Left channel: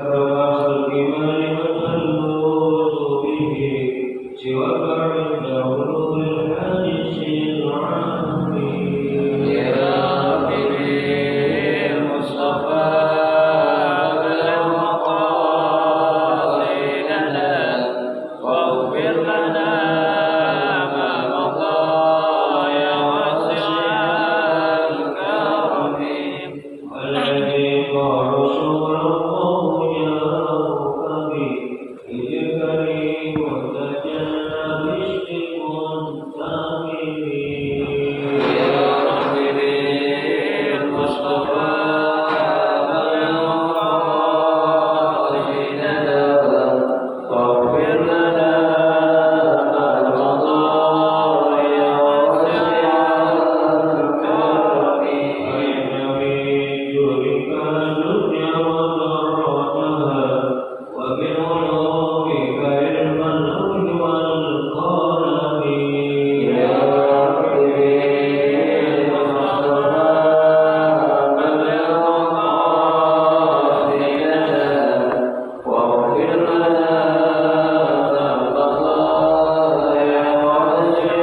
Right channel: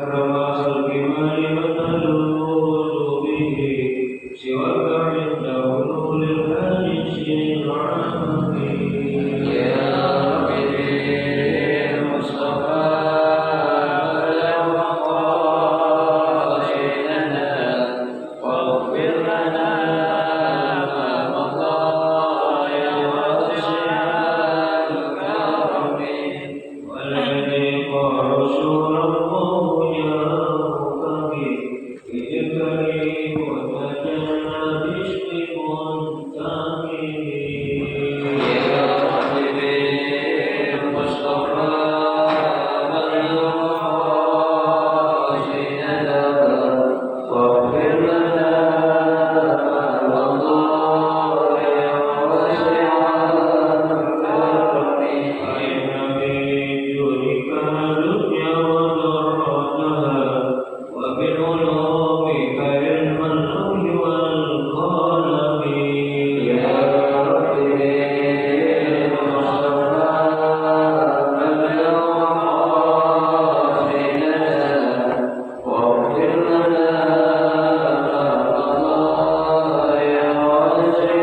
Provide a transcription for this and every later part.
أكرم خلق ما لمتلوذ به سواك عند حلول الحادث العام يا رب بالمصطفى بلغ مقاصدنا واغفر لنا ما مضى يا واسع الكرم والذي قال رسول الله جاءك به اجبري وتجنب اشتكى يا رب بالمصطفى بلغ مقاصدنا واغفر لنا ما مضى يا واسع الكرم يا رب بالمصطفى بلغ مقاصدنا واغفر لنا ما مضى يا واسع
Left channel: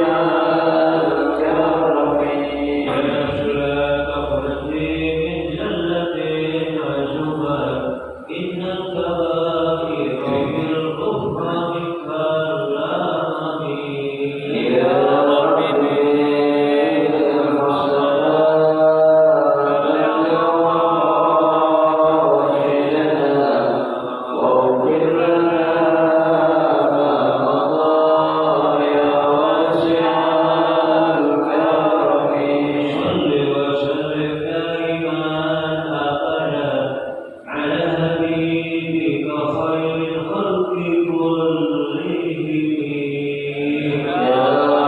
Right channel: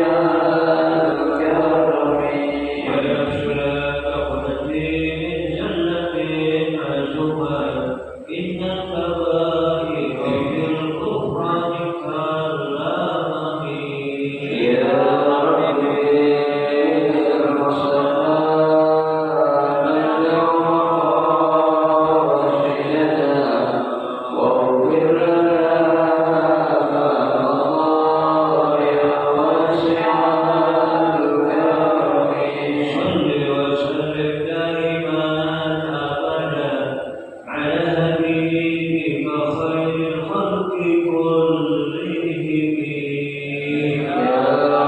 الكرم يا رب بالمصطفى بلغ مقاصدنا واغفر لنا ما مضى يا واسع الكرم يا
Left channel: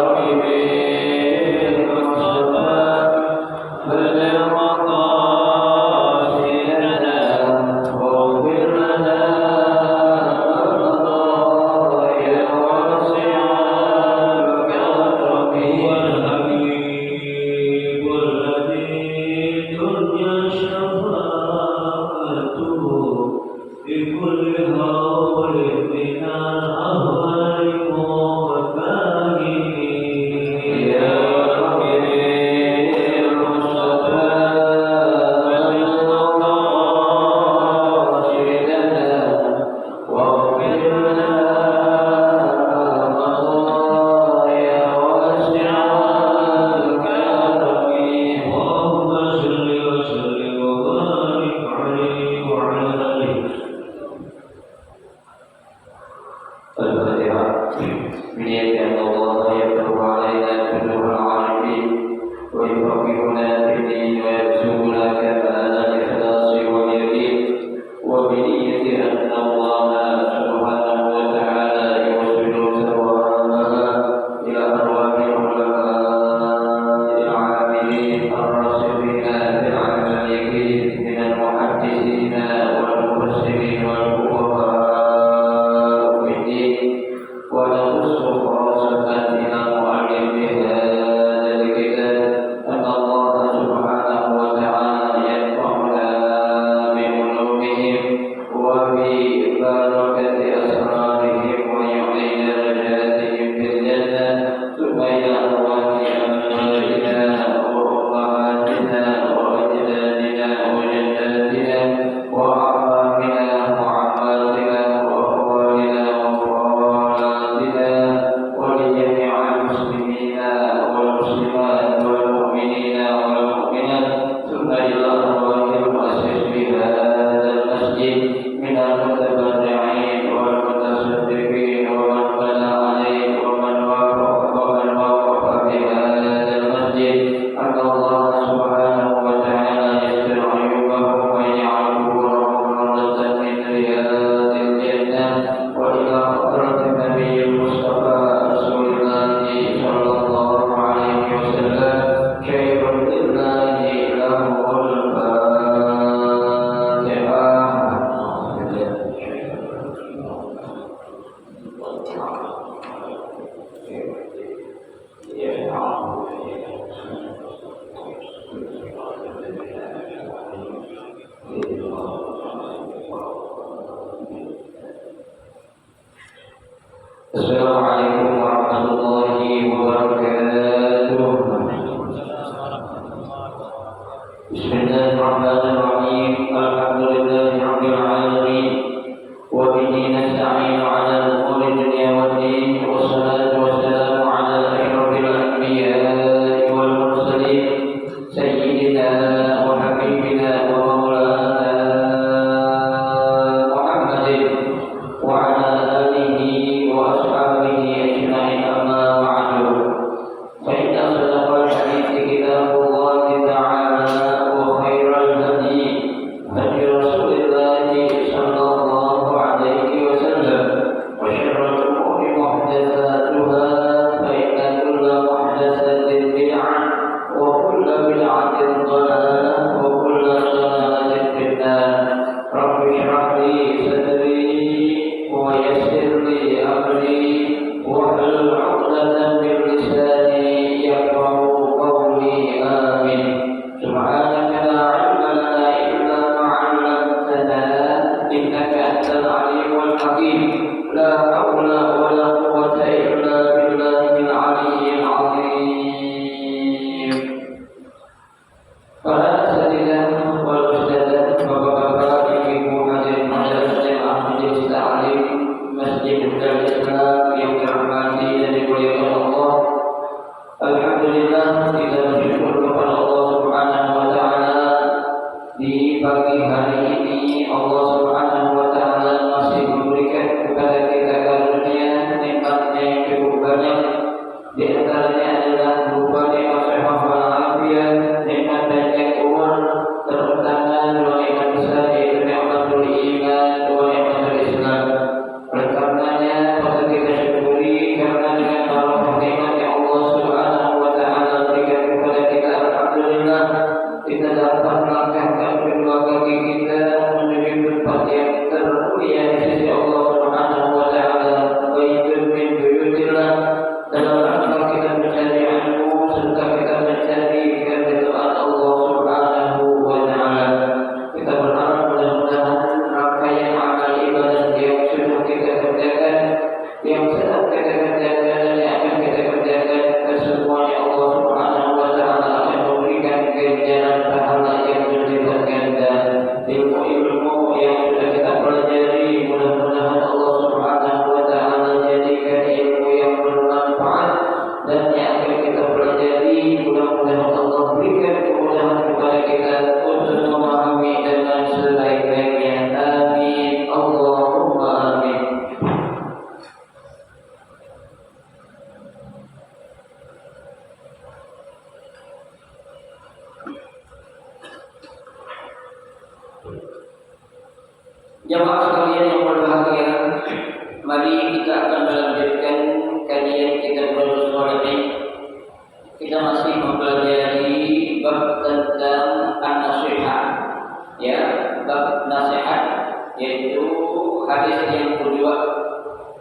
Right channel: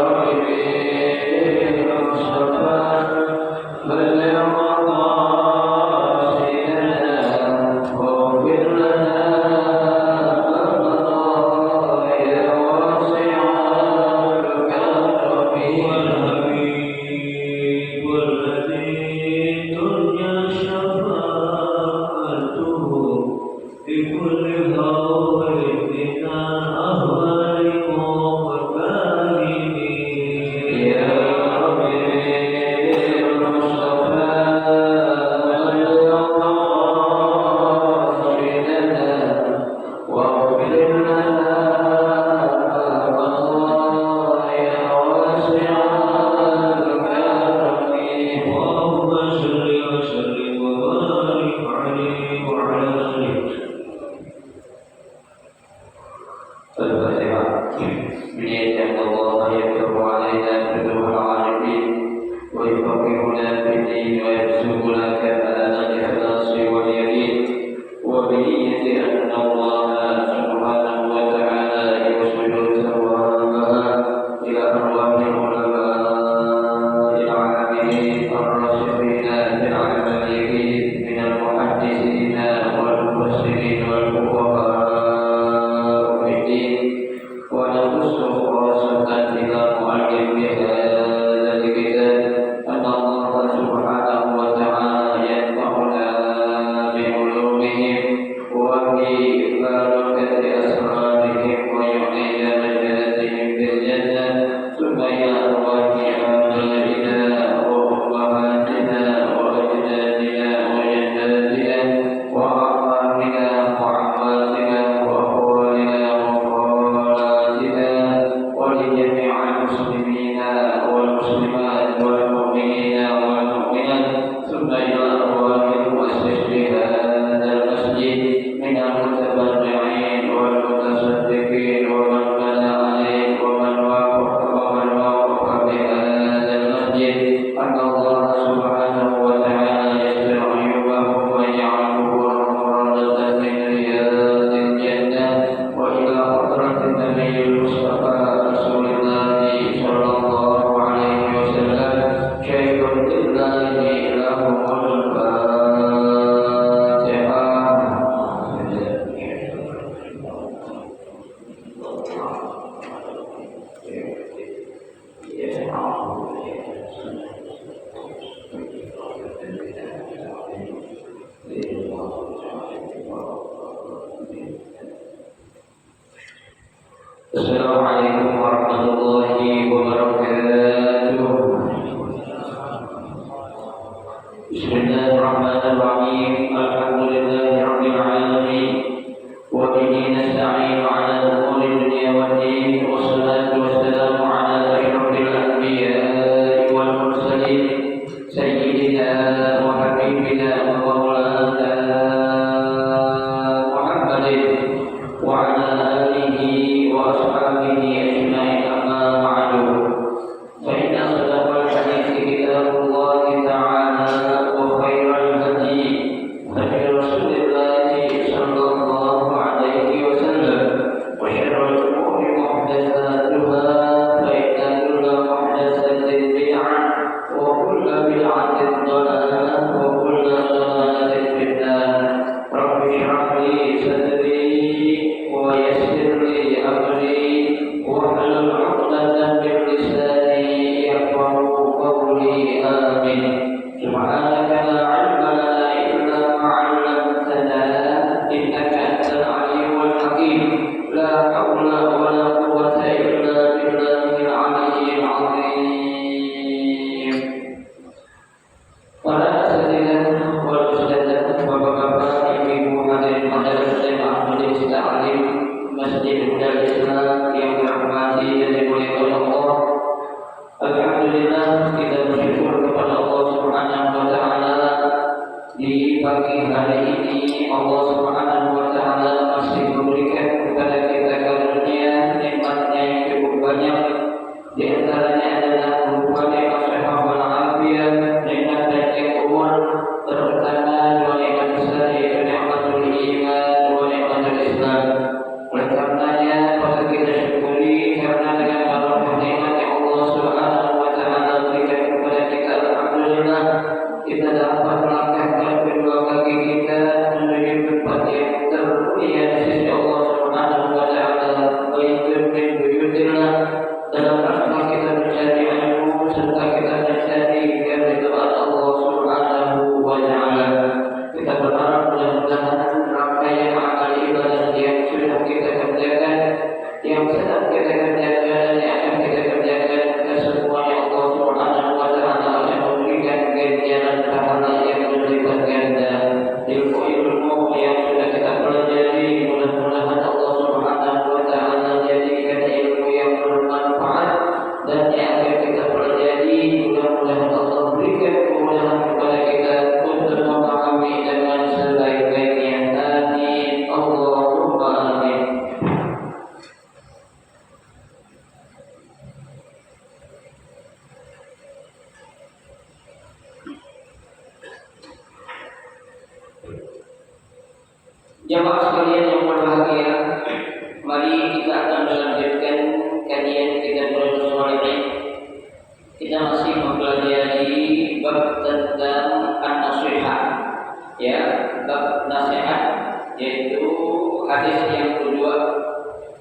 رب بالمصطفى بلغ مقاصدنا واغفر لنا ما مضى يا واسع الكرم بكل هول من الأهوال ومكاره يا رب بالمصطفى بلغ مقاصدنا واغفر لنا ما مضى يا واسع الكرم اللهم صل وسلم وبارك عليه وعلى آله Assalamualaikum warahmatullahi wabarakatuh. Bismillahirrahmanirrahim. Alhamdulillahirabbil alamin. Wa bihi nasta'inu 'ala umuri dunya waddin. Wassalatu wassalamu 'ala asyrafil anbiya'i wal mursalin sayyidina wa habibina wa maulana Muhammadin wa 'ala alihi wa ashabihi ajma'in, amma ba'du. Fa inna asdaqal hadithi kitabullahi ta'ala wa khairal hadi hadi Rasulillahi sallallahu alaihi wasallam wa syarrul umuri muhdatsatuha fa inna kulla muhdatsatin bid'ah wa kulla bid'atin dhalalah wa kulla dhalalatin finnar. Rabbi shrah li sadri wa yassir li amri wahlul 'uqdatam min lisani yafqahu qawli. Amin. Subhanaka la 'ilma lana illa ma 'allamtana innaka antal 'alimul hakim. La haula wa la quwwata illa billahil 'aliyyil 'azim. Para asatidzah wal ustadzah, bapak-bapak, ibu-ibu, hadirin hadirat jemaah majelis taklim Masjid Darul Islam yang dirahmati dan dimuliakan Allah. Alhamdulillah, kita bersyukur kepada Allah Subhanahu wa taala di pagi hari ini. Allah Subhanahu wa taala masih memberikan kepada kita karunia nikmatnya yang cukup banyak. Di antaranya adalah berupa nikmat sehat wal afiat, nikmat panjang umur, terutama dua nikmat besar yaitu nikmatul iman wa nikmatul Islam. Oleh karenanya patut kita syukuri karena dengan barokah nikmat yang Allah Subhanahu wa taala berikan kepada kita, alhamdulillah kita dapat melangkahkan kedua kaki kita menuju tempat yang termulia di sisi Allah Subhanahu wa taala, baitun min buyutillah, dalam rangka kita mencari ilmu serta kita mencari keridhaan Allah Subhanahu wa taala. Kita berharap mudah-mudahan rangkaian amal ibadah yang sudah kita kerjakan, yang sedang kita kerjakan dan yang akan kita kerjakan, kesemuanya Allah Subhanahu wa taala akan memberikan ganjaran pahala yang berlipat ganda. Ilmu-ilmu yang sudah kita pelajari, mudah-mudahan Allah Subhanahu wa taala jadikan ilmu yang bermanfaat, dan yang akan kita pelajari mudah-mudahan Allah berikan kemudahan kepada kita untuk memahami dengan sebaik-baiknya. Amin. Allahumma amin. Jemaah sekalian yang berbahagia, mari kita akan melanjutkan kajian kitab Riyadhus Shalihin. Kita masih mempelajari bab tentang an-nasihat, ya, bab nasihat, yaitu hadis yang kedua,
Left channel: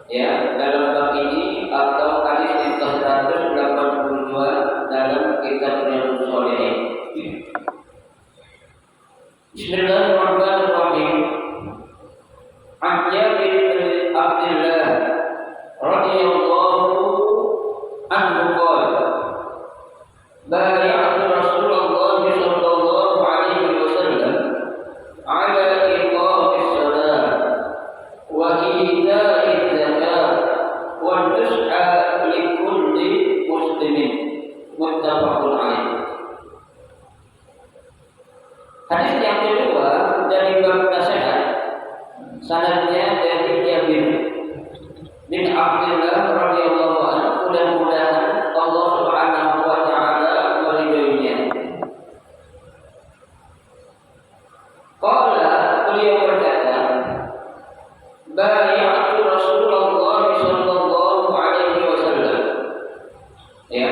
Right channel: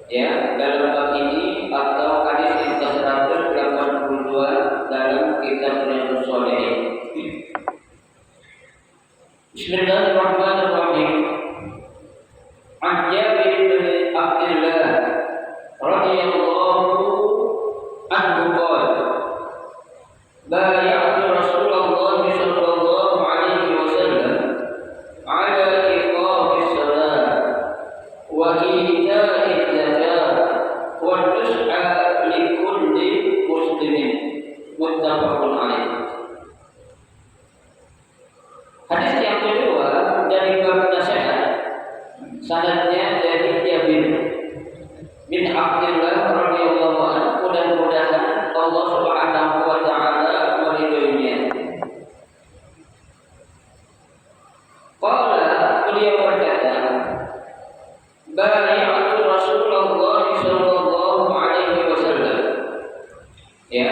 ya, dalam bab ini atau hadis yang ke-182 dalam kitab Riyadhus Shalihin. Bismillahirrahmanirrahim. An Jabir bin Abdullah radhiyallahu anhu qala bay'atu Rasulullah sallallahu alaihi wasallam ala iqamis salat wa ita'iz zakat wa nus'a likulli muslimin. Muttafaqun alaih. Hadis yang kedua dari bab nasihat, sanadnya dari Jabir bin Abdullah radhiyallahu anhu, mudah-mudahan Allah Subhanahu wa taala meridhoinya. Qala, beliau berkata, bay'atu Rasulullah sallallahu alaihi wasallam. Ya.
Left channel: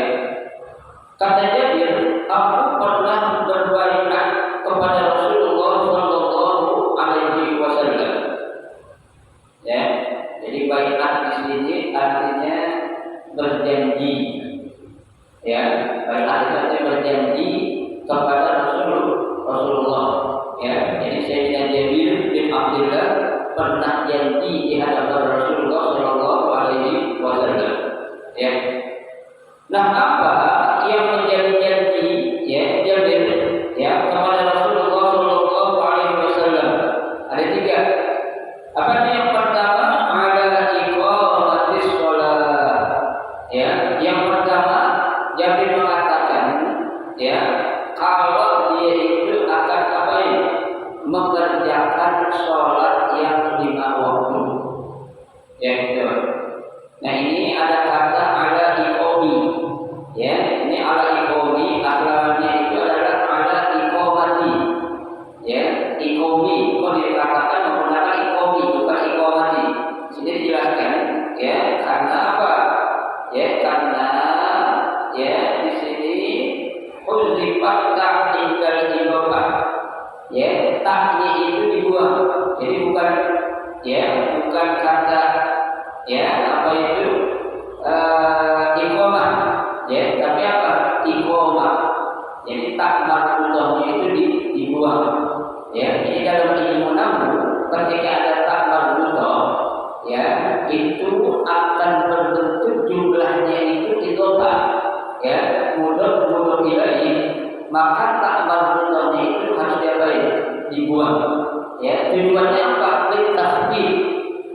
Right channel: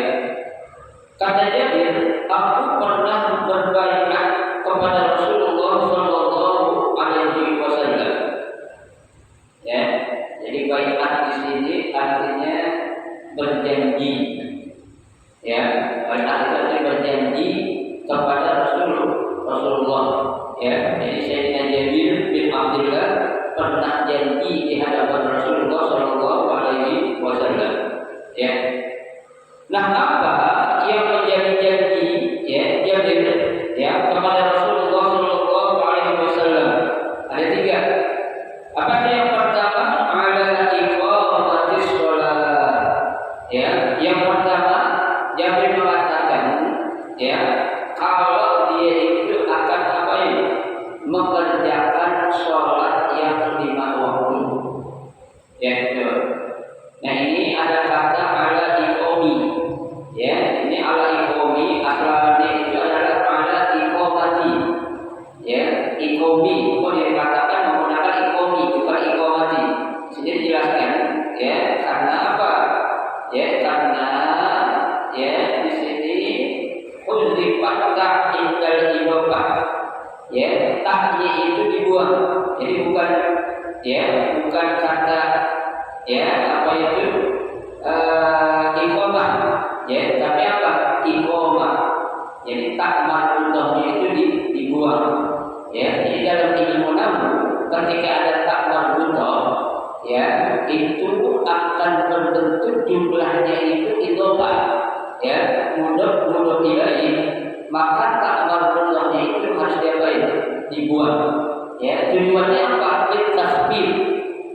Kata Jabir, aku pernah berbaiat kepada Rasulullah sallallahu alaihi wasallam. Ya, jadi baiat di sini artinya berjanji. Ya, baiat itu artinya berjanji kepada Rasulullah. Ya, jadi Sayyidina Jabir bin Abdullah pernah janji di hadapan Rasulullah sallallahu alaihi Ya. Nah, apa yang menjadi janji ya Jabir ya kepada Rasulullah Shallallahu Alaihi Wasallam? Ada tiga. Apa itu yang pertama? Ada iqamatis shalah. Ya, yang pertama Jabir mengatakan ya kalau dia itu akan apa ini? Mengerjakan sholat yang 5 waktu. Ya, itu. Nah, ini ada kata ala iqomi. Ya, ini ala iqomi asalnya itu adalah ala iqomati. Ya, iqomi. Kalau dikatakan menggunakan iqomi bukan iqomati. Sini dijelaskan ya karena apa? Ya, karena ya di sini uzifat tak indal ibabah. Ya, taknya itu dibuang. Jadi bukan kata ya apa itu iqamah ya tapi apa iqamah. Jadi tak marfuthahnya itu dibuang. Ya, ini dalam ilmu nahwu ketika ada tak marfuthah ya itu akan berbentuk jumlahnya itu idhofah ya mudhof ilaih, maka tak marfuthahnya itu harus diapain? Dibuang. Ya, tujuannya apa? Litasbih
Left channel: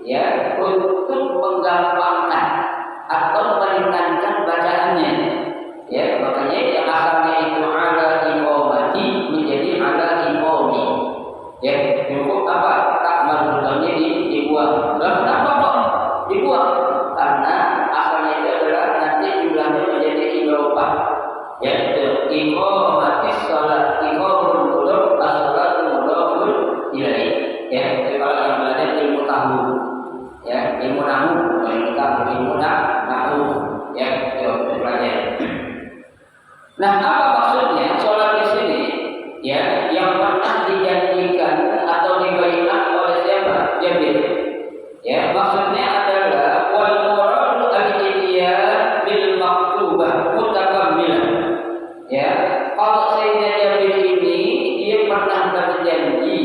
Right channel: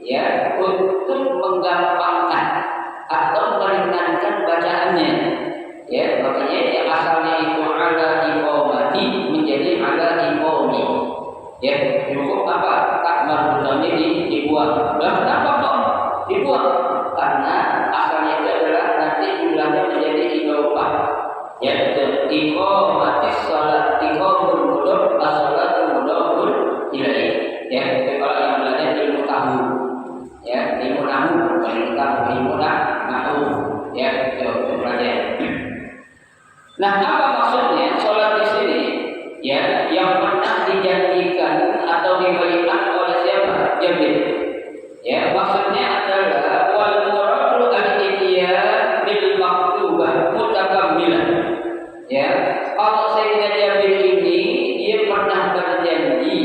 ya untuk menggampangkan atau meringankan bacaannya. Ya, makanya yang asalnya itu ala iqamati menjadi ala iqami. Ya, cukup apa? Tak marfuthahnya dibuang. Lah kenapa kok dibuang? Karena asalnya itu adalah nanti jumlahnya menjadi idhofah. Ya, itu iqamatis shalah, iqamul mudhof, as-shalatu mudhofun ilaih. Ya, itu kalau yang belajar ilmu tahu. Ya, ilmu nahwu, ilmu nahwu. Ya, itu belajar. Nah, apa maksudnya sholat di sini? Ya, yang pernah dijanjikan atau dibaiat oleh siapa? Jabir. Ya, maksudnya adalah wal muradu al-ityan bil maktubah mutakammilan. Ya, kalau Sayyidina Jabir ini dia pernah berjanji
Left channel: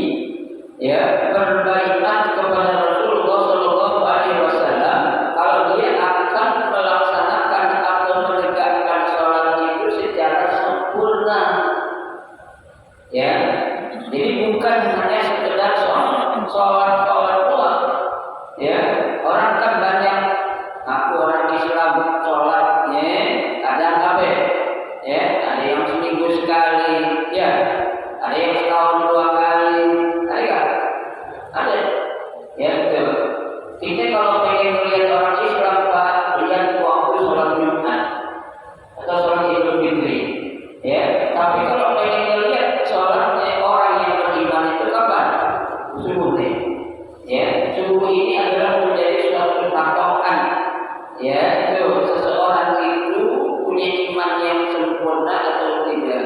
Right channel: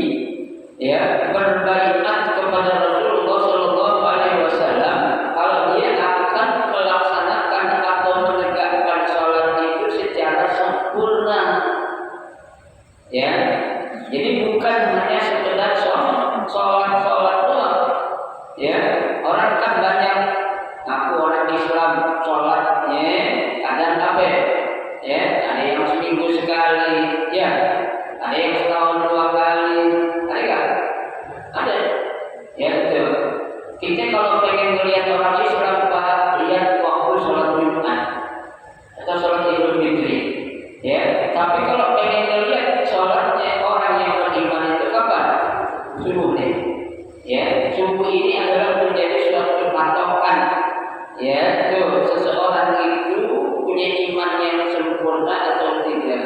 ya berbaiat kepada Rasulullah Shallallahu Alaihi Wasallam kalau dia akan melaksanakan atau menegakkan sholat itu secara sempurna. Ya, jadi bukan hanya sekedar sholat doang. Ya, orang kan banyak aku orang Islam sholatnya kadang apa? Ya, ada yang seminggu sekali, ya, ada yang setahun 2 kali, ada nggak? Ada. Ya, betul. Kita kalau pengen melihat orang Islam, Pak, lihat waktu sholat Jumat atau sholat Idul Fitri. Ya, tapi kalau pengen melihat sholatnya orang yang beriman itu kapan? Subuh nih. Ya, subuh ini adalah menjadi suatu patokan. Ya, tuh seseorang itu punya iman yang sempurna atau tidak.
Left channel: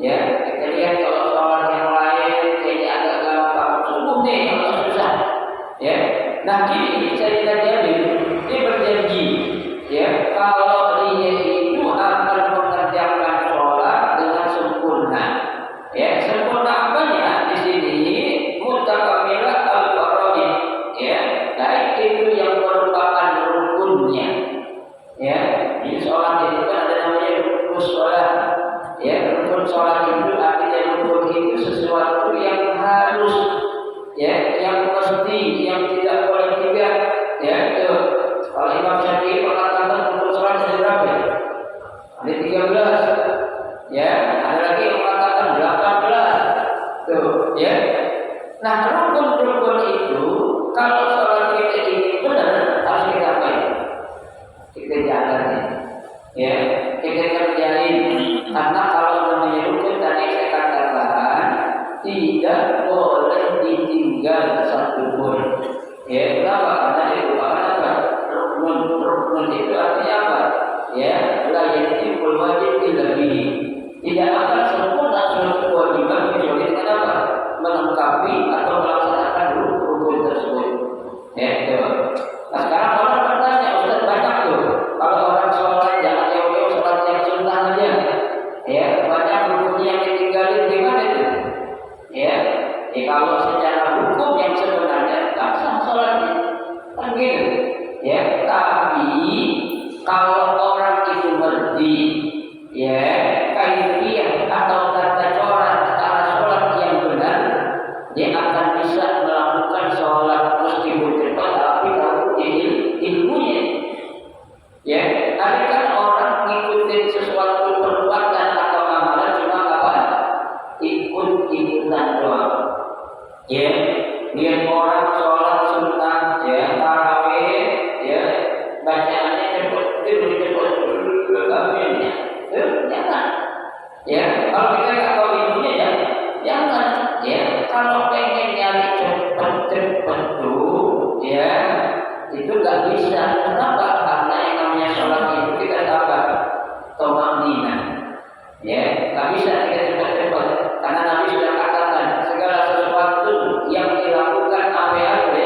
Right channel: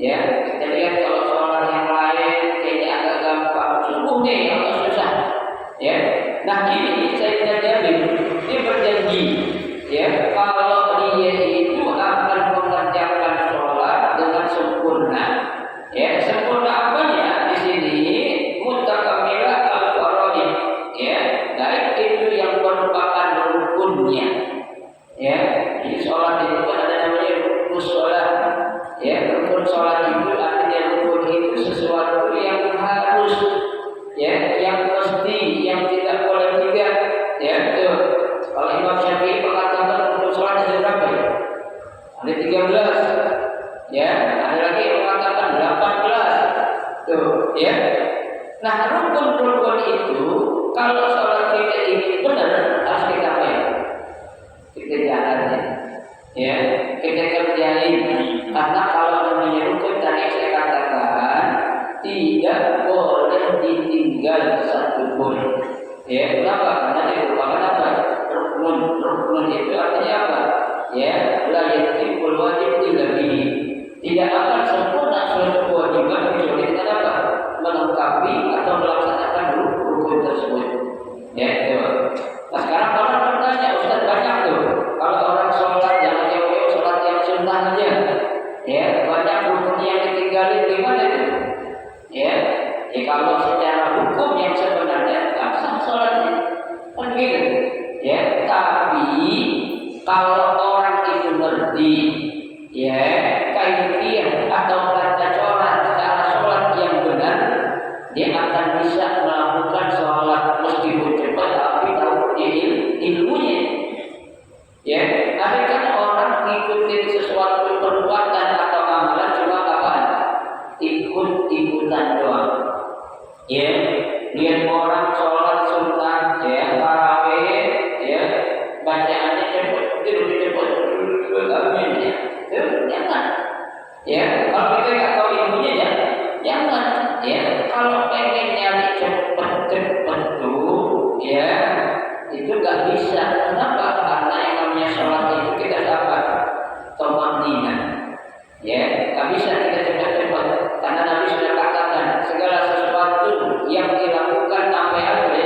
Ya, kita lihat kalau sholat yang lain kayaknya agak gampang, subuh nih agak susah. Ya, nah ini Sayyidina Jabir dia berjanji, ya kalau dia itu akan mengerjakan sholat dengan sempurna. Ya, sempurna apanya di sini? Mutakammilah al-faraid. Ya, baik itu yang merupakan rukunnya. Ya, di sholat itu kan ada namanya rukun sholat. Ya, rukun sholat itu artinya rukun itu sesuatu yang harus, ya, yang mesti, yang tidak boleh tidak. Ya, itu. Kalau Imam Syafi'i mengatakan rukun sholat ada berapa? Ada 13. Ya, ada lagi yang mengatakan 18. Tuh, ya. Nah, rukun-rukun itu kalau sholat kita ini benar harus kita apa ya? Kita jalannya, ya, kita kerjain. Karena kalau namanya rukun tadi saya katakan tidak boleh ditinggal satu pun. Ya, kenapa? Karena dia merupakan apa? Rukun itu artinya apa? Ya, la yatimul wajib illa bihi. Tidak akan sempurna suatu kewajiban kecuali dengan apa? Melengkapi atau melaksanakan rukun tersebut. Ya, itu. Nah, sekarang orang bertanya, Ustaz, banyak tuh kalau orang sholat jangan jauh-jauh sholat yang sunnah aja. Ya, banyak rukunnya yang ditinggalin, gimana itu? Ya, kalau secara hukum yang sebenarnya tak sah sholatnya, kan gitu. Ya, tapi kalau orang itu ngerti ya kaifiyah atau tata cara sholat yang benar, dia akan bisa melakukan sholat meskipun cepat tapi tahu ilmunya. Ya, tapi kan orang ngikutin sesuatu perbuatan atau amalan cuma apaan? Ikut-ikutan doang. Ya, lihat orang sholat sunnah, ya, tarawih, ya, bacaannya cepat, amin ya. Jangan. Ya, kalau kita nggak tahu ilmunya ya, jangan. Ya, kalau pengen nyari cepet tuh, ya, itu nggak bisa. Kenapa? Karena yang namanya sholat itu kita dapat tomanina. Ya, nggak bisa kita cepat-cepat. Karena Nabi sudah katakan segala sesuatu yang dilakukan apa-apa,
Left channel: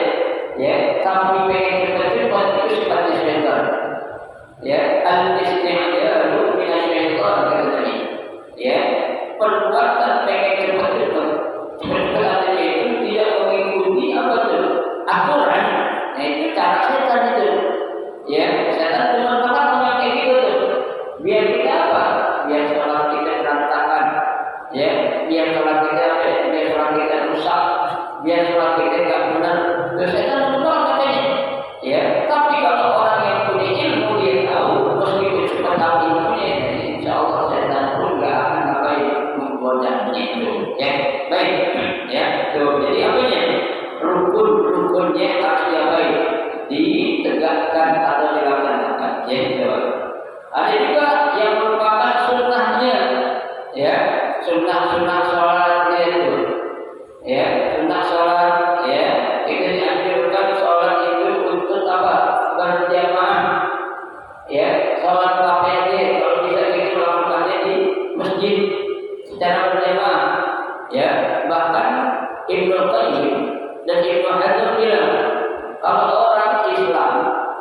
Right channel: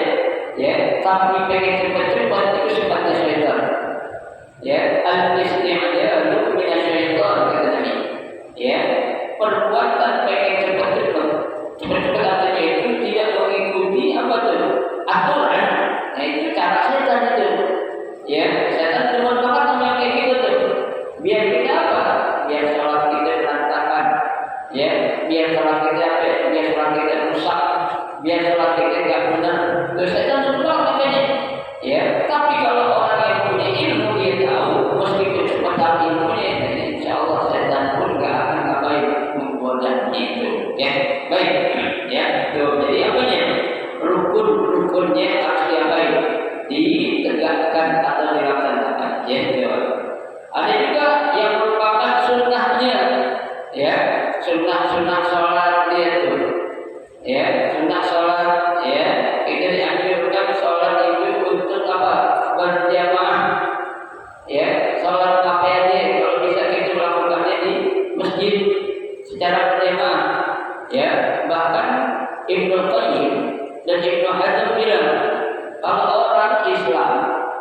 ya, tapi pengen cepat-cepat itu sifatnya syaitan. Ya, al-isti'jalu minasyaitan katanya. Ya, perbuatan pengen cepat-cepat artinya itu tidak mengikuti apa tuh aturan. Nah itu cara setan itu. Ya, setan cuma banget yang kayak gitu tuh. Biar kita apa? Biar sholat kita berantakan. Ya, biar sholat kita apa? Biar sholat kita rusak. Biar sholat kita nggak benar. Terus setan menolak katanya. Ya, tapi kalau orang yang punya ilmu dia tahu meskipun cuma tahu ilmunya, insya Allah setan pun nggak akan ngapain menggodanya itu. Ya, baik. Ya, tuh. Jadi apanya? Rukun-rukunnya harus diapain? Ditegakkan atau dilaksanakan. Ya, jawab. Ada juga yang merupakan sunnahnya. Ya, sunnah sholat dia tuh. Ya, sunnah sholat. Ya, kita dianjurkan sholat itu untuk apa? Berjamaah. Ya, sholat apa aja kalau bisa kita melakukannya di masjid secara berjamaah. Ya, bahkan Ibnu Qayyim dan Ibnu Hazm bilang kalau orang Islam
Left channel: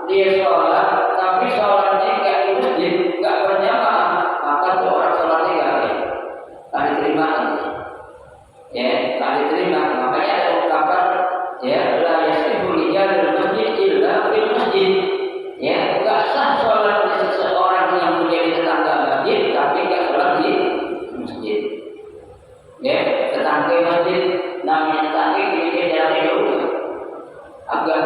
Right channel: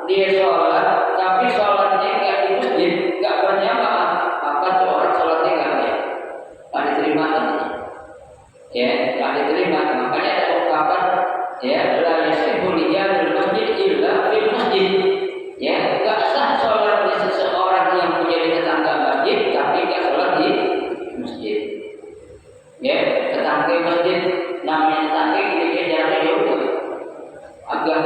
dia sholat tapi sholatnya nggak di masjid, nggak berjamaah, maka itu orang sholatnya nggak diterima katanya. Ya, nggak diterima. Makanya ada ungkapan ya la yasihu liyadul masjid illa fil masjid. Ya, nggak sah sholat seseorang yang menjadi tetangga masjid tapi nggak sholat di masjid. Ya, tetangga masjid namanya tetangga gereja jaraknya jauh agak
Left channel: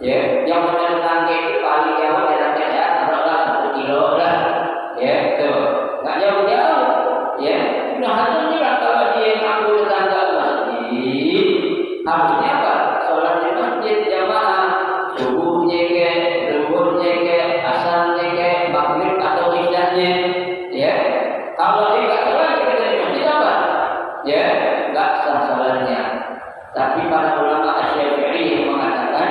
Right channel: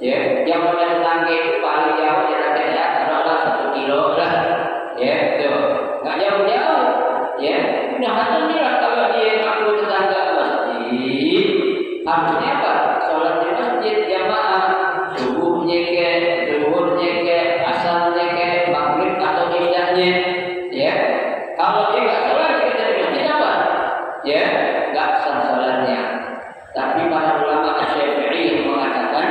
ya, yang namanya tetangga itu paling jauh jaraknya ya taruhlah 1 kilo lah. Ya, tuh nggak jauh-jauh. Ya, Ibnu Hazm bilang kalau dia ngaku tetangga masjid harusnya apa? Sholat di masjid jamaah, subuhnya ke, zuhurnya ke, asarnya ke, maghrib atau isyanya. Ya, kalau dia nggak sholat di masjid apa? Ya, nggak sah sholatnya. Tapi para ulama Asy-Syafi'i mengatakan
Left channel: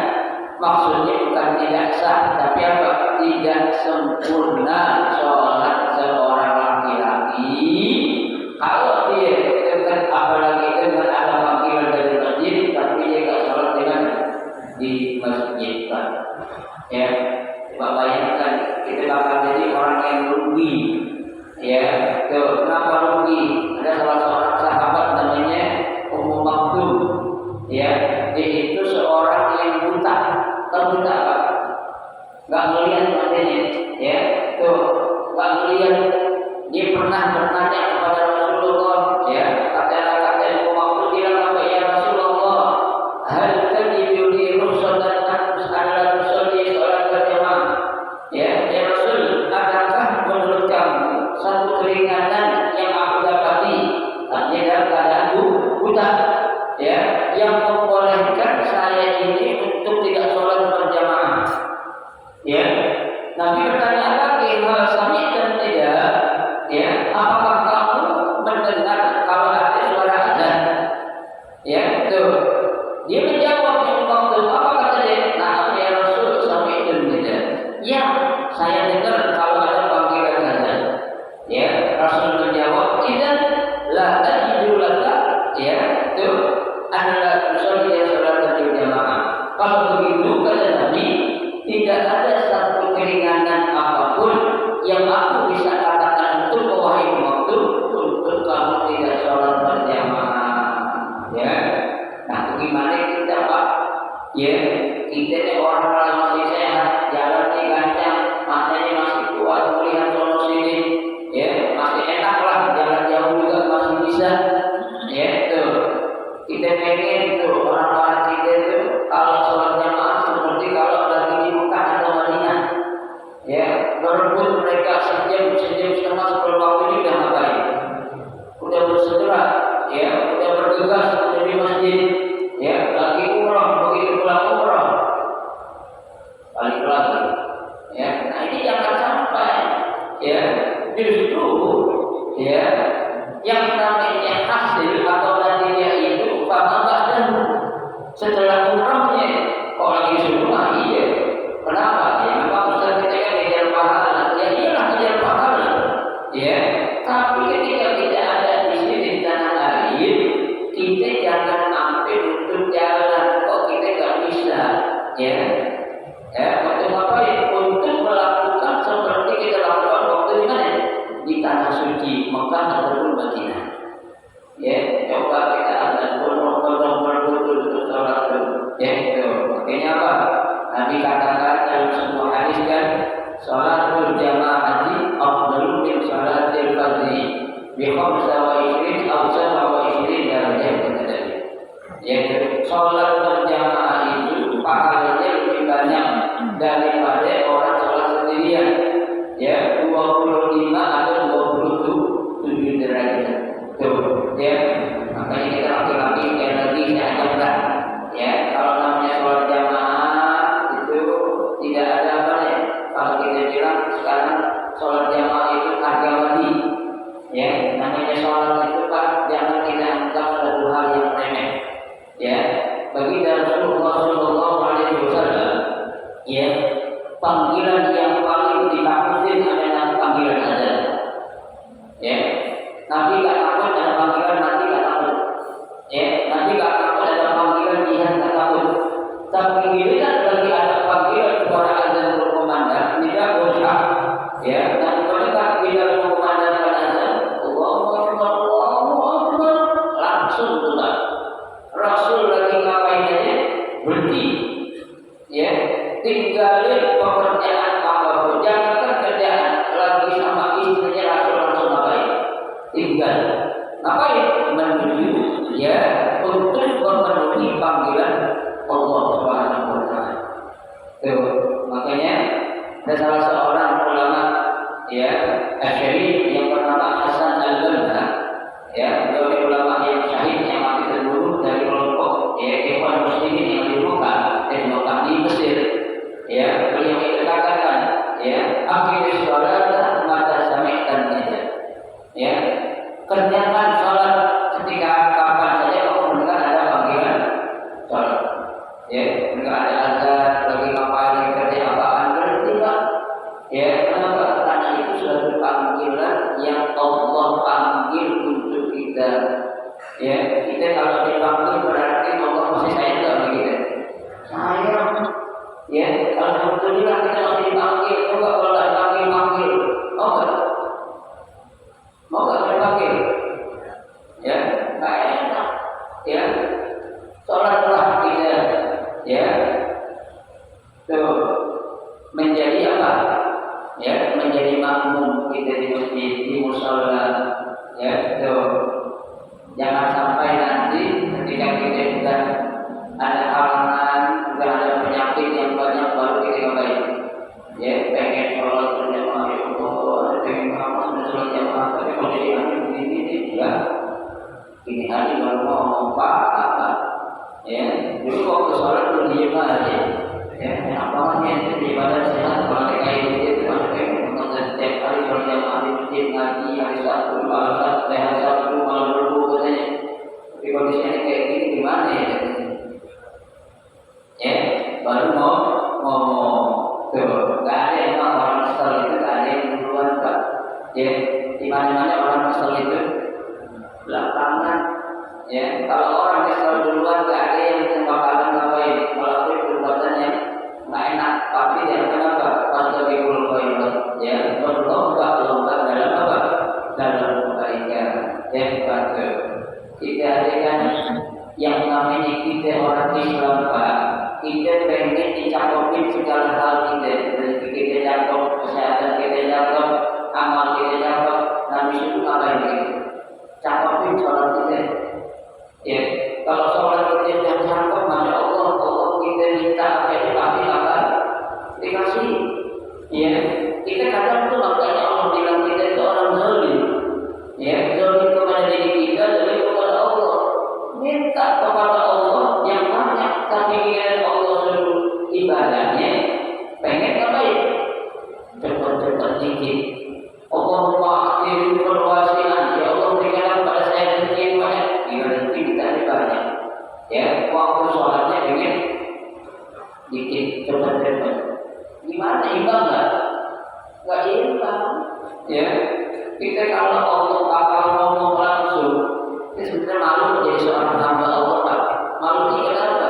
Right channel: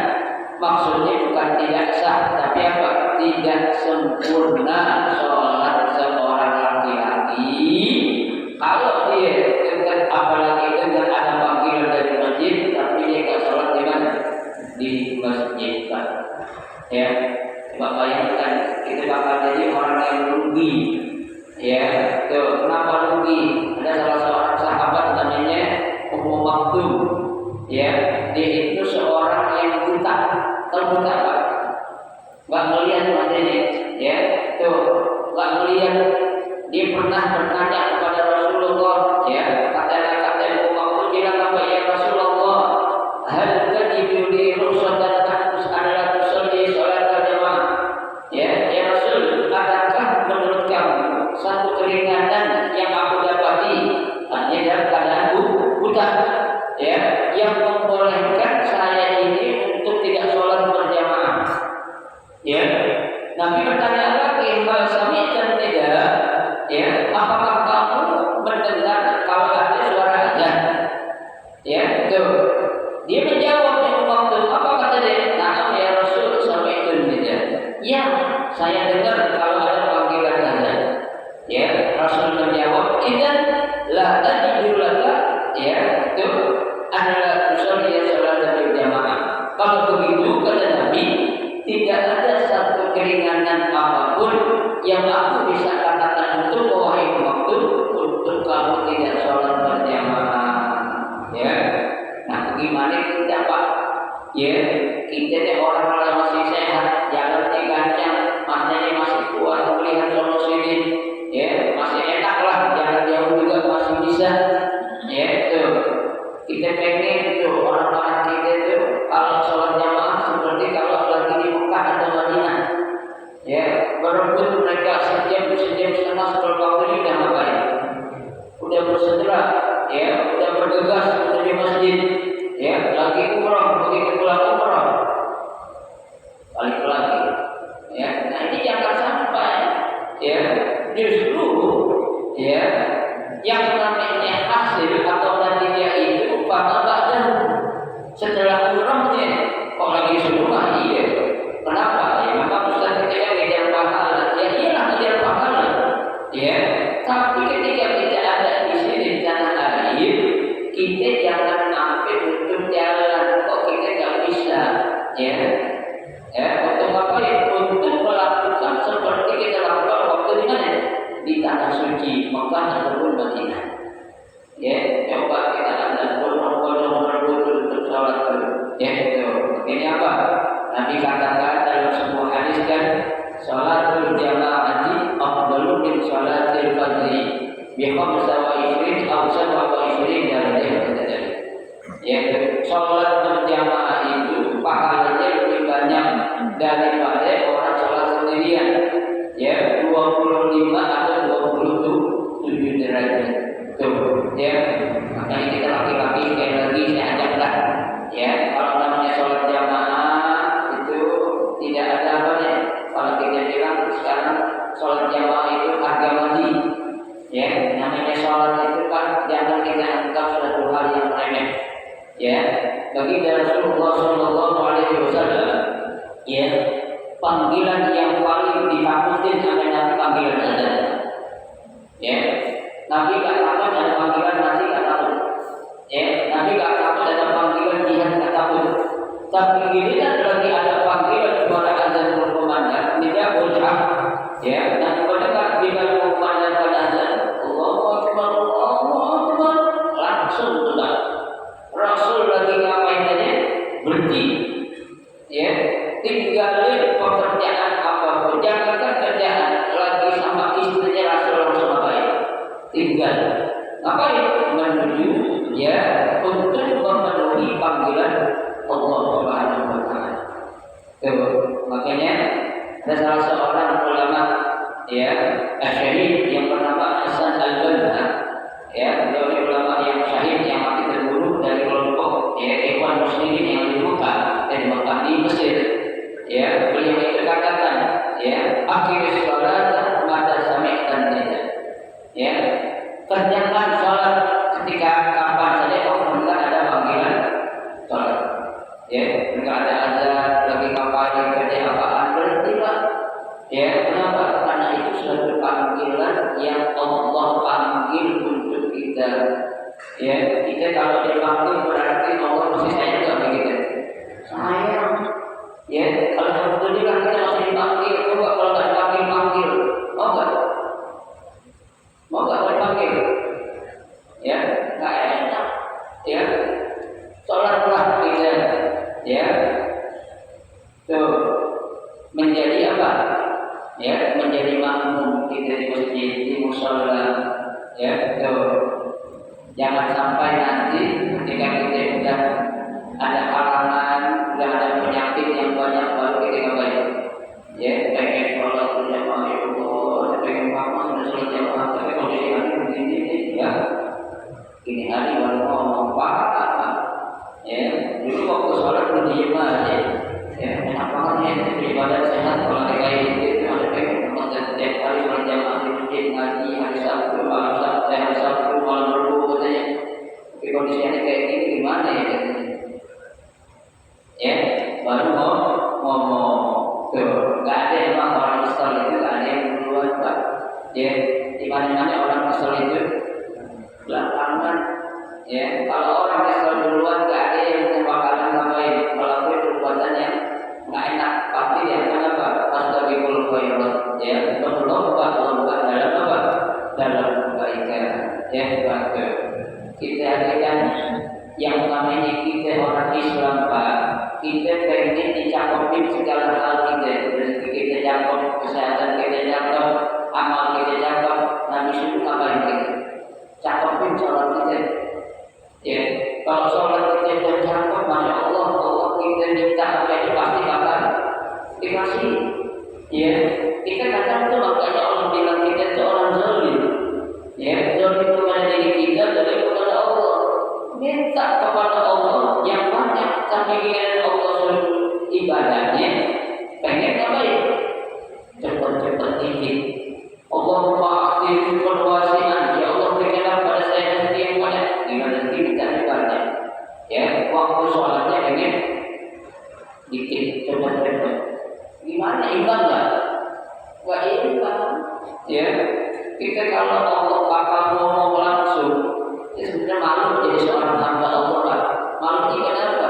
maksudnya bukan tidak sah, tapi apa? Tidak sempurna sholat seorang laki-laki kalau dia dengan apalagi dengan ada panggilan dari masjid, tapi dia nggak sholat di masjid, Pak. Ya, coba bayangkan kita bakal jadi orang yang rugi. Ya, tuh kenapa rugi? Ada salah seorang sahabat namanya Ummu Maktum. Ya, dia itu seorang yang buta. Tahu buta Pak? Nggak melihat matanya. Ya, tuh nggak melihat. Dia pernah bertanya kepada Rasulullah. Ya, kata Ummu Maktum bilang apa? Ya Rasulullah, hal tajidu li rukhsatan adalah tusalli salat berjamaah. Ya Rasul, adakah menurut kamu satu keringanan yang aku dapati artinya dalam keadaan buta, ya, yang membolehkan saya ini untuk tidak sholat berjamaah? Ya, Nabi bertanya lagi, hal sami'tan tidak? Ya, apakah kamu mendengar kalau ada suara azan? Ya, tuh. Dia menjawab yang waktu apa kata dia? Na'am ya Rasul, sami'tan tidak? Ya, saya dengar kalau ada panggilan azan. Ya, Rasul menjawab, "Idzan la ajidu laka," ya, itu adalah tusalli salat berjamaah. Kalau begitu kata Nabi, tidak ada satu keringanan apapun yang aku bisa katakan untuk wahai waktu untuk kamu tidak sholat berjamaah. Ya, nah bagaimana kita Pak? Ya, kita ini orang yang masih sehat, jalannya gancang, maknanya masih kuat melihat sono sini, ya masih enak lah, jangan jauh juga masih bisa, ya tuh. Kita pengen tuh orang-orang kita tuh kalau sholat jamaah seperti kalau lagi di Mekah atau Madinah, ya berebut mereka sejam setengah sebelum waktu ini udah ngapain? Udah bersegera, ya udah bergegas menuju masjid, ya lagi umrah, begitu pulang umrah balik lagi, ya. Nah ini jangan sampai, ya justru, ya yang namanya hasil atau natijah itu pada badan setelah umrahnya kok lagi semua, iya. Kenapa? Ya memang Ustaz kita kan ngejar pahala, ya iyalah ngejar pahala, ya. Tapi ketika kita ada di sini di tanah air, kita jangan sampai untuk jalan kok kita nggak bisa, ya. Untuk apa ya? Untuk melakukan seperti kita lakukan waktu di mana? Di tanah suci Mekah ataupun Madinah. Ya, coba kita ada bolong-bolong betul untuk sholat itu. Ya, itu. Ini apa? Nabi katakan dalam sebuah hadis kan, sholatul jamaati afdalu min sholatil fardhi bi 25 aw 27 darajah tadi. Ya, sholat berjamaah itu pahalanya lebih banyak daripada orang sholat sendirian. Ya, 25 atau 27 derajat. Tuh, ya. Makanya kita laki-laki sekali lagi saya ajaklah, ya, kalau namanya sholat jamaah itu tidak ada apa nih. Kalau kita bilang sekarang sholat jamaah itu harga mati, ya. Namanya sholat itu kan jangan kita anggap suatu hal yang remeh, ya. Bagi Rasulullah Shallallahu Alaihi Wasallam, ya, panggilan yang paling ditakutin adalah panggilan azan, ya. Nabi gak takut ada panggilan mati, gak takut, ya. Nabi gak takut ada panggilan jihad, gak takut. Tapi bila lagi ada panggilan kepada azan berkumandang, tidak berhak, ya. Dan ketika bila berkumandangkan azan, Allahu Akbar, Allahu Akbar, langsung tutup. Rasul lagi ngapain aja? Berhenti, ya. Tinggalin pekerjaan apapun, jangankan kerjaan lagi sama istrinya, Rasul langsung ngapain? Tinggal ngapain? Menuju, ya, untuk memenuhi panggilan Allah Subhanahu wa taala. Tuh, makanya ada salah seorang ulama, ya, Asy-Syahid yang bernama Hasan Al-Banna, ya, beliau ini ulama yang syahid yang mati terbunuh dari kelompok, ya, Ikhwan Muslimin yang di Mekah, di Mesir. Ya, beliau itu katakan, ya, aqimis sholata mata sami'tan nida. Ya, kerjakan sholat ketika kapan saja kau mendengar ada panggilan sholat. Ya, enggak ada azan, lagi ngapain, kerja apaan, berhenti Pak. Ya, kenapa? Karena itu suatu panggilan yang Allah panggil untuk kita. Ya, kita kalau dipanggil berarti Allah masih sayang sama kita. Sayang. Ya, alhamdulillah kita masih dipanggil. Coba kalau nggak dipanggil, mau nggak? Mau nggak dipanggil? Ya, nggak enak. Ya, sholatlah kita. Ya, tuh menjadi apa? Ya, menjadi makmum kita di masjid, di mushola. Ya, tuh jangan sampai nanti ketika kita sudah ada halangan, sudah ada penyakit yang banyak, baru kita kembali. Ya, pengen sholat berjamaah, ya Allah, pengen banget sudah sholat jamaah, tapi kondisi hari begini, ya. Ini hari baru ngomong apa? Ya, dulu waktu sholat berdiem aja, ya, enak banget ya, jadi ibadah sehat. Kalau kayak gitu, ada pengen banget setiap hari sholat jamaah di masjid, ngaji hari Sabtu, malam Sabtu, malam Rabu katanya. Tapi kondisinya kayak gini gimana ya katanya? Ya, baru mau ngomong tuh, nggak ada emang orang kesel itu, nggak ada yang duluan Pak. Ya, di mana-mana orang kesel itu belakangan. Ya, kalau orang kesel duluan, nggak ada yang bakalan ngapain, melakukan perbuatan yang nggak enak. Tapi yang kenapa? Fastabiqul khairat. Ya, berlomba-lomba dalam apa? Dalam kebaikan. Ya, Pak. Kita ada kan yang namanya kita orang Islam Pak. kita pengen dicampurkan segala hal kita, rezeki kita campur, kesehatan kita campur, amal kita campur, Nabi suruh ngapain kita? Campurkan sholat kita. Ya, kalau sholat kita sudah campur, masya Allah, Allah kita minta apa ini pasti akan dikasih. Ya, kita kadang tuh makanya Allah bilang kita itu orang zalim. Ya, zalim kepada diri kita, zalim kepada Allah. Minta kepada Allah yang banyak, tapi dengan Allah suruh ibadahnya, pengen ngapain? Cepat-cepat dikit. Allahumma a'ti perwasian, ya Allah berikanlah pada saya rezeki yang banyak. Dengan rezeki kita banyak. Ya, waktu sholatnya pengen dikit, cepat-cepat. Gimana imbang nggak? Nggak imbang. Ya, kita kalau Allah bakal ngomong langsung, ya sebenarnya malu menjadi seorang hamba Allah, Pak. Malu ini kenapa?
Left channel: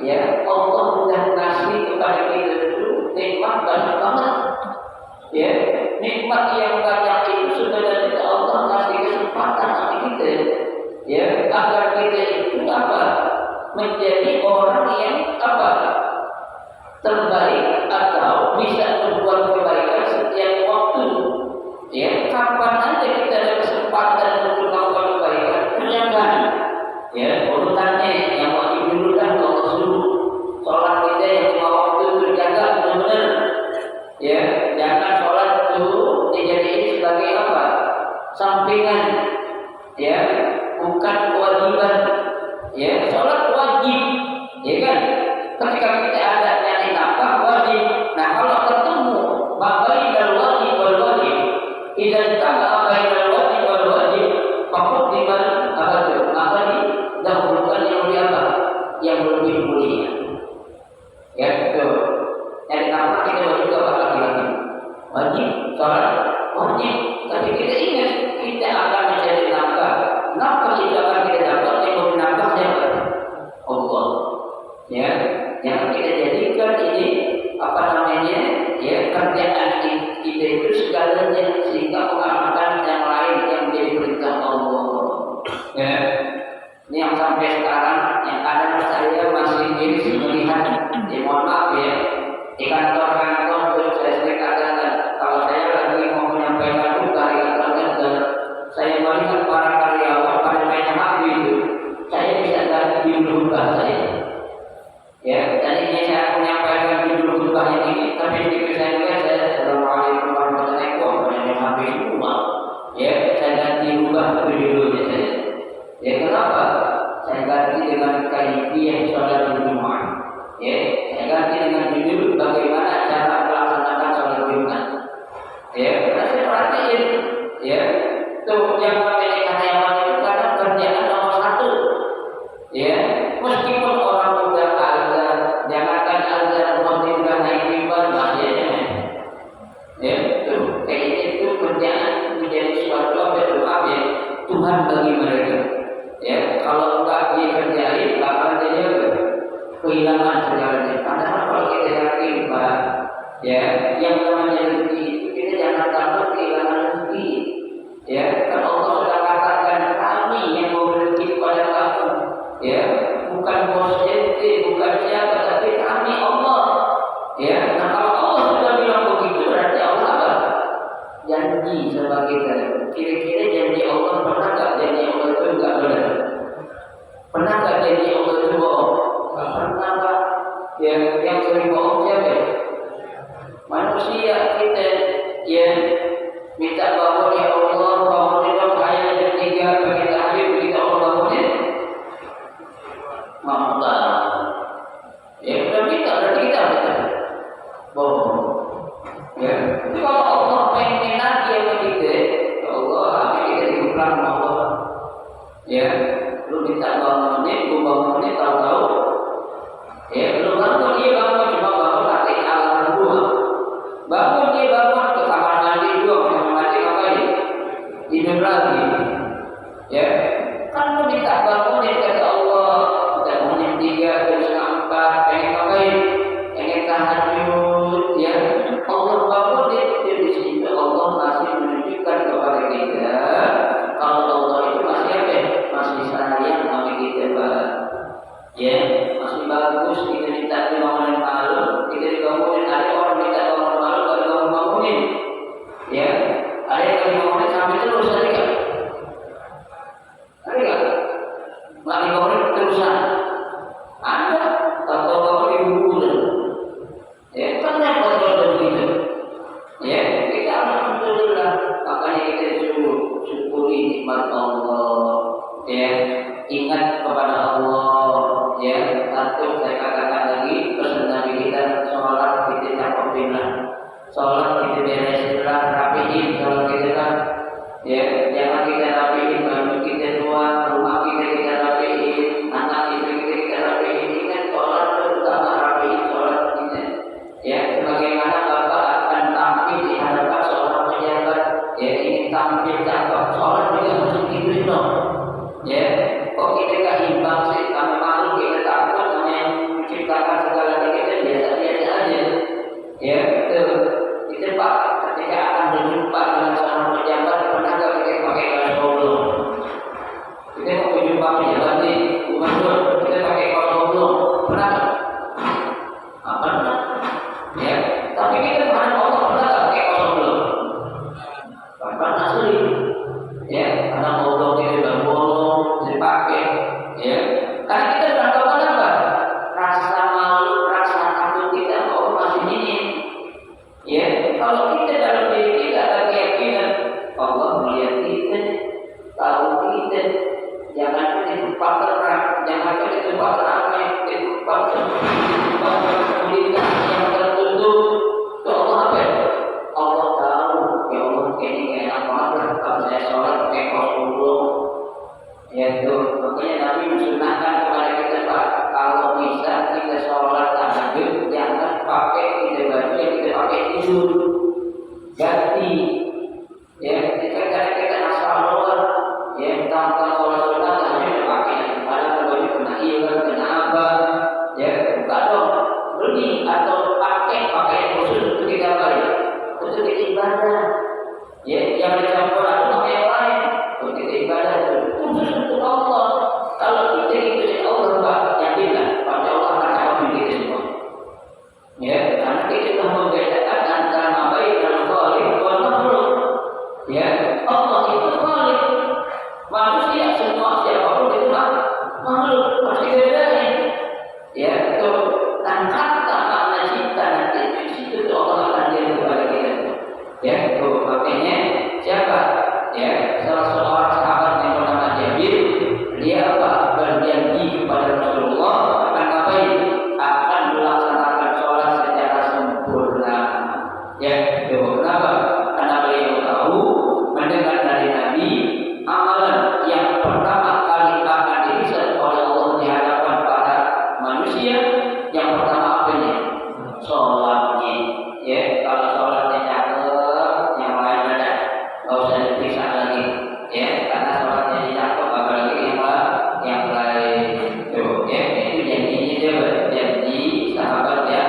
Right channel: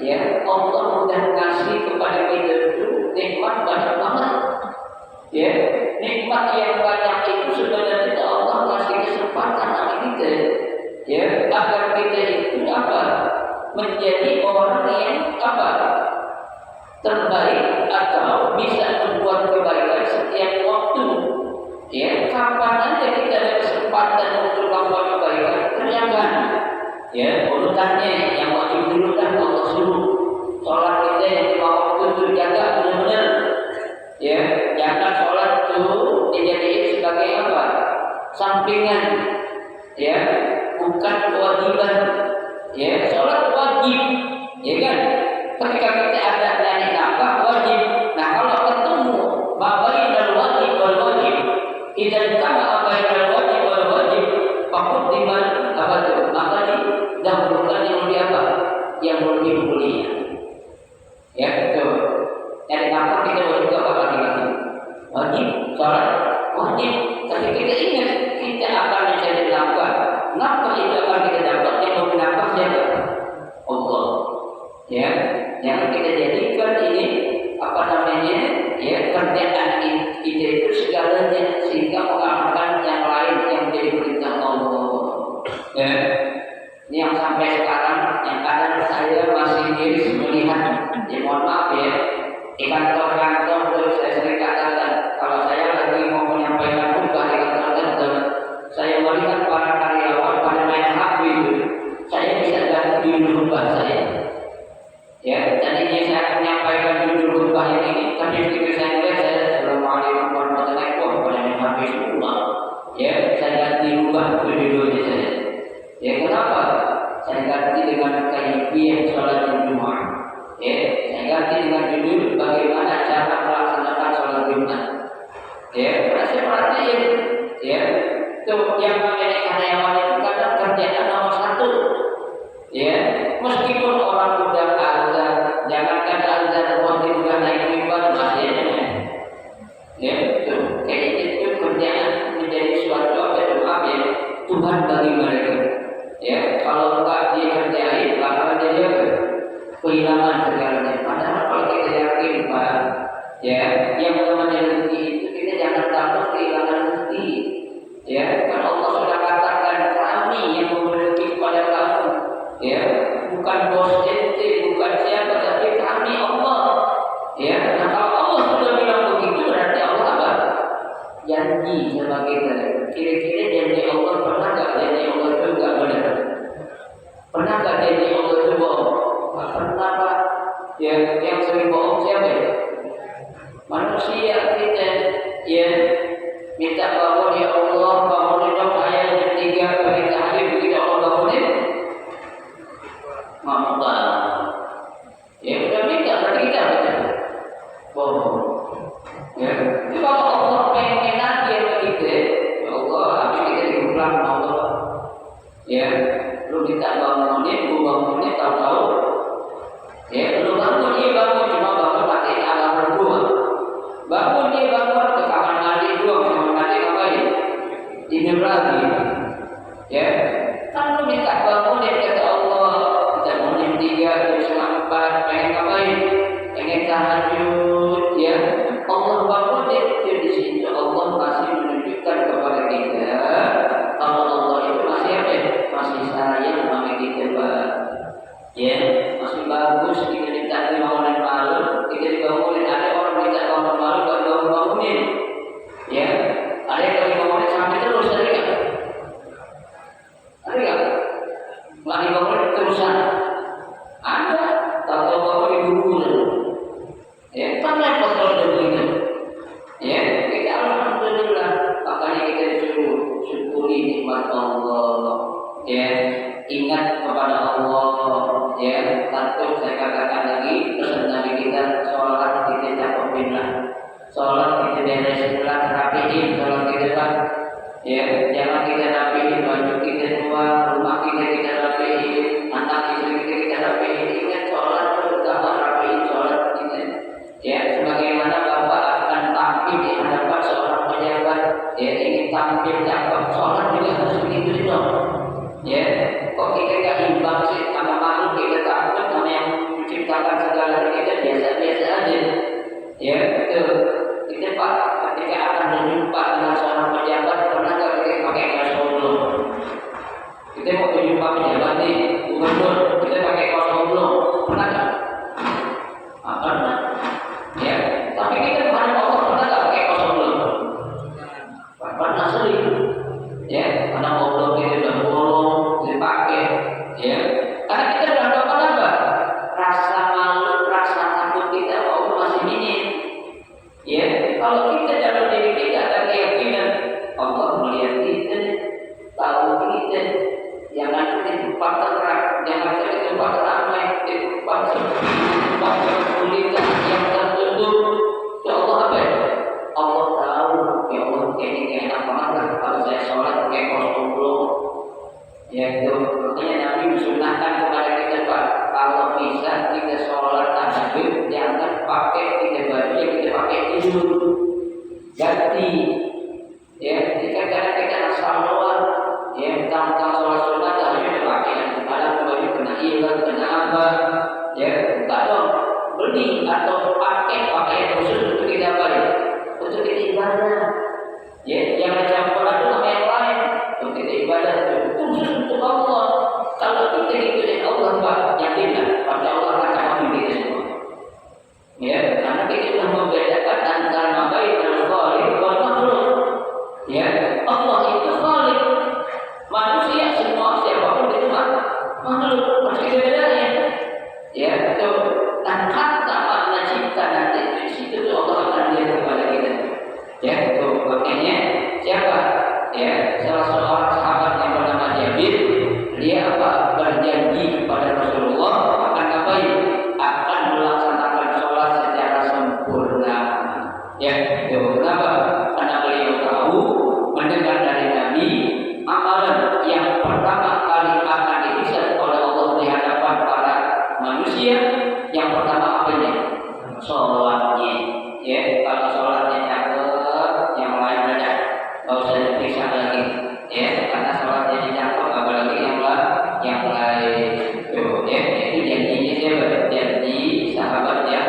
Ya, Allah sudah ngasih kepada kita itu nikmat banyak banget. Ya, nikmat yang banyak itu sebenarnya Allah ngasih kesempatan sama kita. Ya, agar kita itu apa? Menjadi orang yang apa? Terbaik atau bisa membuat kebaikan setiap waktu. Ya, kapan aja kita ada kesempatan untuk melakukan kebaikan, kerjakan. Ya, urutannya yang wajib dulu dah Allah suruh. Sholat kita yang 5 waktu itu jaga benar-benar. Ya, jangan sholat itu dijadikan sebagai apa? Sampingan. Ya, bukan kewajiban. Ya, sholat wajib. Ya kan? Ketika kita ada nyari nafkah wajib. Nah, kalau ketemu bainal wajib wal wajib, idan tama bainal wajib wal wajib, fakut diman apa itu? Maka didahulukan yang lebih apa? Yang lebih mulia. Ya, itu. Nyari nafkah kita wajib apa laki-laki? Wajib. Sholat wajib. Tapi kita ingat kita akan mencari nafkah. Nafkah itu akan kita dapat yang memberi nafkah siapa? Allah. Ya, jangan kita jadikan ini apa namanya, ya, kerjaan kita itu segalanya sehingga mengalahkan yang lain yang menjadi perintah Allah. Ya, ini yang sampai sekarang yang kadang saya masih miris melihat. Ya, mohon maaf ya, di kantor-kantor saya sering katakan kalau saya lagi mau menyampaikan tugas di kantor-kantor, saya melihat para karyawan pada main HP itu, saya bisa ganti judul khutbah saya. Ya, tadinya saya menyampaikan judul khutbah ini, tapi begitu saya melihat saya Assalamualaikum warahmatullahi wabarakatuh pada yang habis semua. Ya, saya ganti ubah judulnya saya. Ya, kenapa? Saya ganti dengan kaifiyah sholat Jumat. Ya, saya ganti dengan judul bagaimana cara melaksanakan sholat Jumat. Ya, karena saya perhatiin, ya, tuh yang namanya karyawan itu kadang kerjaan nomor 1. Ya, meskipun orang sudah azan, jangankan azan, waktu sudah naik mimbar bahayanya. Ya, itu kayak itu kerjaan menjadi suatu apa itu maaf ya, Tuhan bagi mereka. Ya, kalau enggak dia kerjain, bakal jadi apa? Kehilangan segalanya. Padahal kalau kita yakin, Pak, ya, yang namanya rezeki itu kita jangan takut kehilangan rezeki. Ya, kan Allah sudah katakan kami yang memberi rezeki kepada kamu. Ya, bukan bos ente, bukan siapa, tapi kami Allah. Ya, nah kalau Allah sudah bilang begitu berarti Allah apa? Janji sama kita. Kira-kira janji Allah pernah nggak janji Allah itu nggak benar? Pernah nggak janji Allah itu bohong? Nggak pernah, Pak. Ya, yang sering bohong siapa? Manusia kita. Ya, minta bangun ya Allah, bangunin dong saya jam 3 bagi tahajud, ketika Allah bangunin. Mampu. Ya, udah minta berarti kita baca. Bohong. Ya, jadi kalau Allah pengen lagi sama kita, ya Allah, habis kita digulang sama Allah. Ya, lu minta bangunin, gua bangunin, tahu-tahu. Ya, lu bangun, dia bangun, cuma bangun pakai alarm gua. Bangun, dia bangun ke kamar mandi gua, kamar mandi ngapain? Tidur lagi. Ya, kan lu minta bangunin kata Allah. Jam 3, jam 4, pengen ngapain? Pengen tahajud, ya. Allah bangunin, dia di situ Allah masih menunjukkan kepada kita kalau Allah itu masih apa? Masih sayang sama kita, Pak. Ya, masih bagus kita minta makin cakep, sholat juga harus digituin dong. Ya, kok kita gak imbang sih? Karena makhluk kita takut, karena yang menciptakan segala kita biasa-biasa aja. Ya, itu Pak, ketika akan berjumpa dengan seorang pejabat, pernah gak kita pakai kaos oblong? Kita mau berjumpa pejabat nih, gubernur, kita pakai kaos oblong, pernah gak? Apa pernah? Ya, tapi kita menghadap Allah pernah gak pakai kaos oblong? Pernah sering. Ya, karena oblong kita udah bolong, dipakai. Ya, karena kita udah tahu apa? Rasa malu, rasa takut kita masih minim. Ya, kalau kita dalam diri kita ada keyakinan Allah melihat kita, tahu kita, jangan di tempat terang, jangan di tempat ramai, di tempat sepi, di tempat kesulitan yang tertutup. Itu Allah apa ya? Allah tahu, ya Allah ini kayak enak banget lah kalau saya sholat pakai kaos oblong. Ya itu, makanya Nabi mensunahkan kepada kita Pak, kalau bisa kita sholat tahajud jangan pakai kita baju yang kita pakai tidur, ganti. Ya, jika kita asal luar, ya tentang sholat sunat tahajud pakai, kadang baju kena hilang, kena apa, ya buka dong, beli atau pakai pakaian khusus untuk kita balik, untuk kita ibadah. Ya, yang dicampur itu sama yang lain. Untuk kita ibadah itu khusus untuk Allah. Kalau kita ikutin Allah, Pak, yakinlah pada Allah akan campur kita semua. Ya, karena kita sudah membedakan antara bainal khaliq wal makhluk. Ya, Allah itu khaliq. Manusia semua siapapun itu makhluk. Harus kita bedain. Ya, itu kata makna cipta nanti di situ Allah akan lihat kepada kita. Ya, itu makanya siapa? Ya, salah seorang sahabat yang bernama Jabir, dia apa? Berjanji kepada Rasulullah akan melaksanakan sholat secara sempurna. Ya, itu kenapa? Karena beliau tahu mendengar dari Nabi amalan yang pertama kali akan dilihat oleh Allah di hadapan para manusia, yang pertama apanya? Sholatnya. Ya, kalau sholatnya cakep, yang lain ada nggak usah diperiksa lagi. Ya, karena sholatnya cakep, apalagi yang lain. Tuh, ya, itu janjinya siapa? Janji sahabat ya,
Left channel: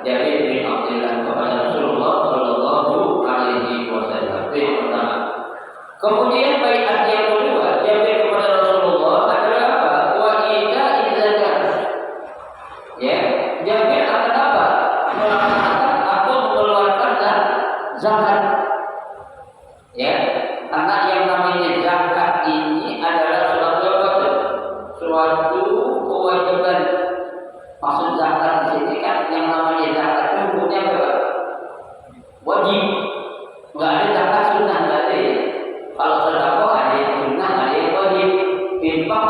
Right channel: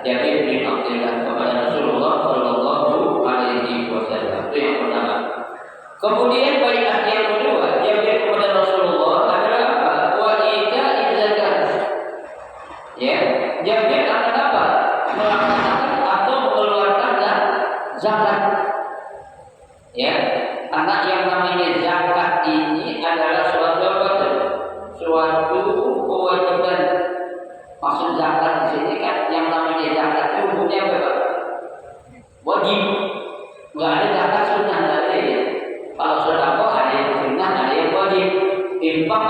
Jabir bin Abdullah kepada Rasulullah Shallallahu Alaihi Wasallam. Itu yang pertama. Kemudian baiat yang kedua, Jabir kepada Rasulullah adalah apa? Wa ita'iz zakat. Ya, Jabir akan apa? Melaksanakan atau mengeluarkan zakat. Ya, karena yang namanya zakat ini adalah suatu apa? Suatu kewajiban. Maksud zakat di sini kan yang namanya zakat itu hukumnya apa? Wajib. Enggak ada zakat sunnah, enggak ada ya. Kalau sedekah ada yang sunnah, ada yang wajib. Infak